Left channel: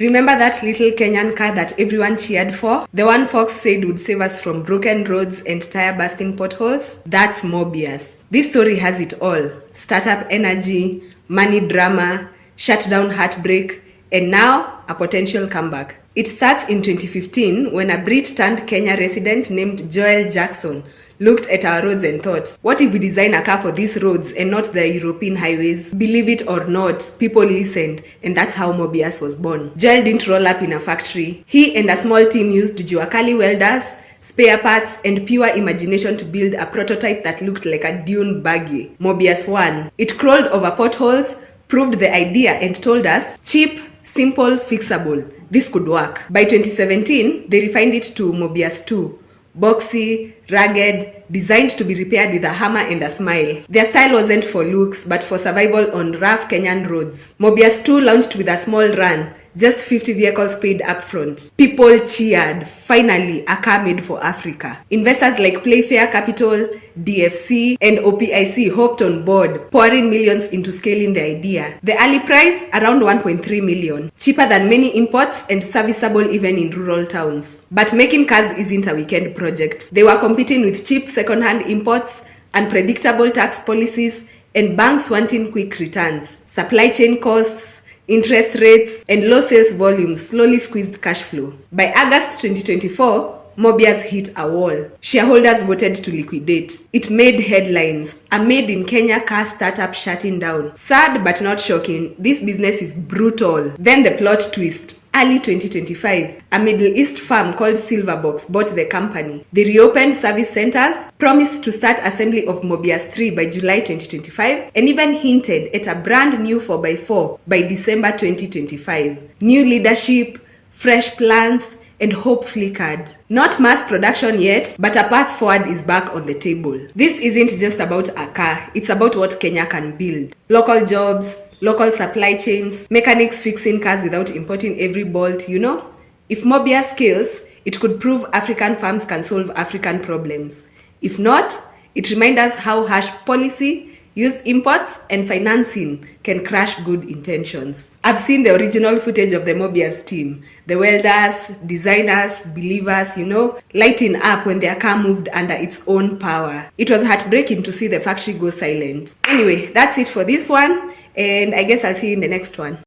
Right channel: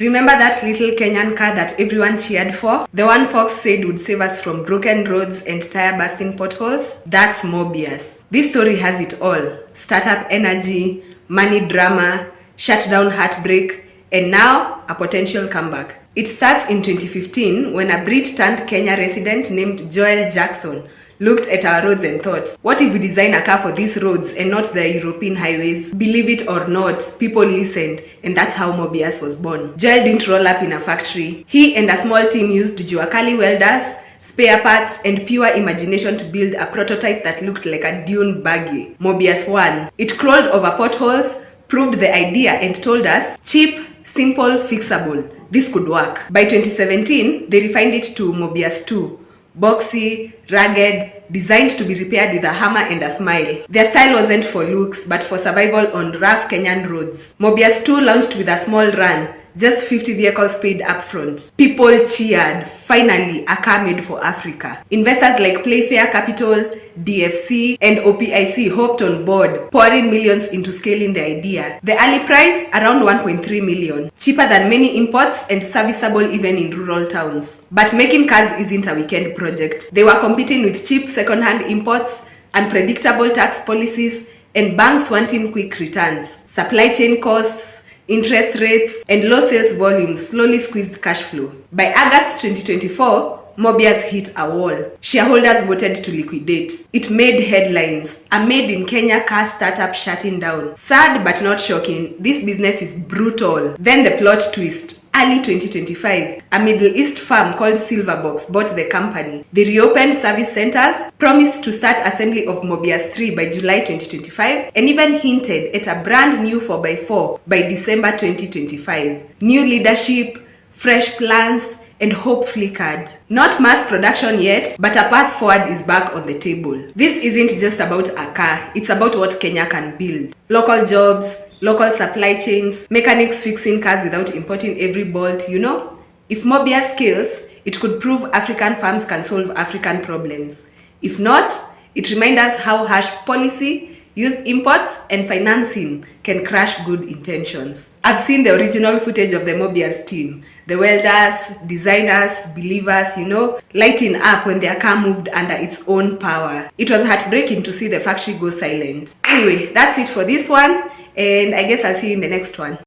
Remember that little Kenyan car that everyone cheered for? The one Fox said would save us from broken roads and tire-busting potholes? That's Mobius. This story has it all. Startup energy, money drama, shutdown heartbreak, and now a potential comeback. It starts in 2015 when a Brit-turned-Kenya resident named Joel Jackson looked at our roads and thought, what if we design a car for these roads and not the European highways? Believe it or not, people listened, and that's how Mobius was born. Joel didn't roll up in a factory. He and a small team used Juakali welders, spare parts, and pure imagination to build a prototype that looked like a dune buggy. Mobius 1. It crawled over potholes, proved the idea, and told us, cheap, simple, fixable. This could work. By 2017, they refined it to Mobius 2. Boxy, rugged, designed to be repaired with a hammer and a smile. Their style wasn't for looks, but for survival on rough Kenyan roads. Mobius 2 launched with a small run, just 50 vehicles paid up front. People cheered. Finally, a car made for Africa. Investors like Playfair Capital, DFC, and OPIC hopped on board, pouring millions into scaling the idea. The early price, around 1.3 million. Cheaper than many imports and serviceable even in rural towns. But making cars isn't a weekend project. They were competing with cheap second-hand imports, unpredictable tax policies, and banks wanting quick returns. Supply chain costs, interest rates, and low sales volumes slowly squeezed cash flow. By August 2024, Mobius hit a wall. Shareholders voted to liquidate. It made headlines. A made-in-Kenya car startup shutting down. Sad but not shocking, this business is brutal. Then the plot twist. Early 2025, a Middle East firm called Silverbox bought the company. They reopened service centers, promised to start assembly of Mobius 3 by July 2025, and even hinted at a brand new 4x4 by December 2025. New leadership, fresh plans, and hope flickered. Not mass production yet, but a path forward is back on the table. This isn't just about a car, it's about what Kenya can build. Local jobs, local supply chains, mechanics fixing cars without importing every bolt, you know? If Mobius scales, it could prove African farms can solve African problems. If not, it reminds us how harsh policy, used imports, and financing can crush good intentions. I've seen the original footage of the Mobius team. The welders, designers, believers, you know, lighting up when their car moved under its own power. It was heartbreaking to see the factory go silent. Anyway, that's it for this one, and I guess I'll see you in the next one.